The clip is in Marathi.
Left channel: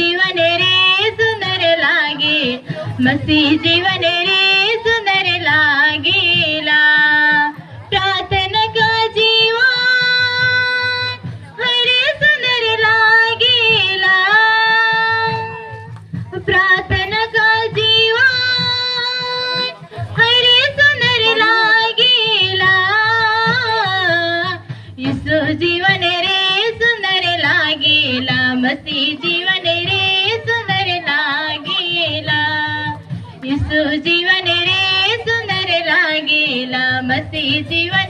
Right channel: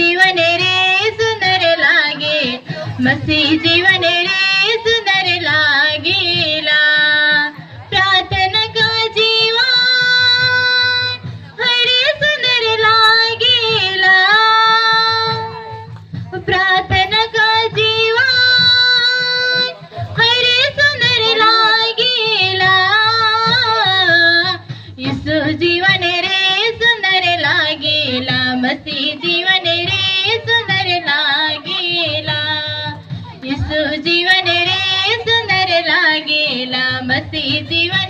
जीवन रे सुंदर लागे, मसी जीवन रे सुंदर लागेला। प्रार्थना का जीवन हरे सुंदर लागेला, प्रार्थना का जीवन हरे सुंदर लागेला। यीशु जीवन रे सुंदर लागेला, मसीह जीवन रे सुंदर लागेला। यीशु जीवन रे सुंदर लागेला, मसीह जीवन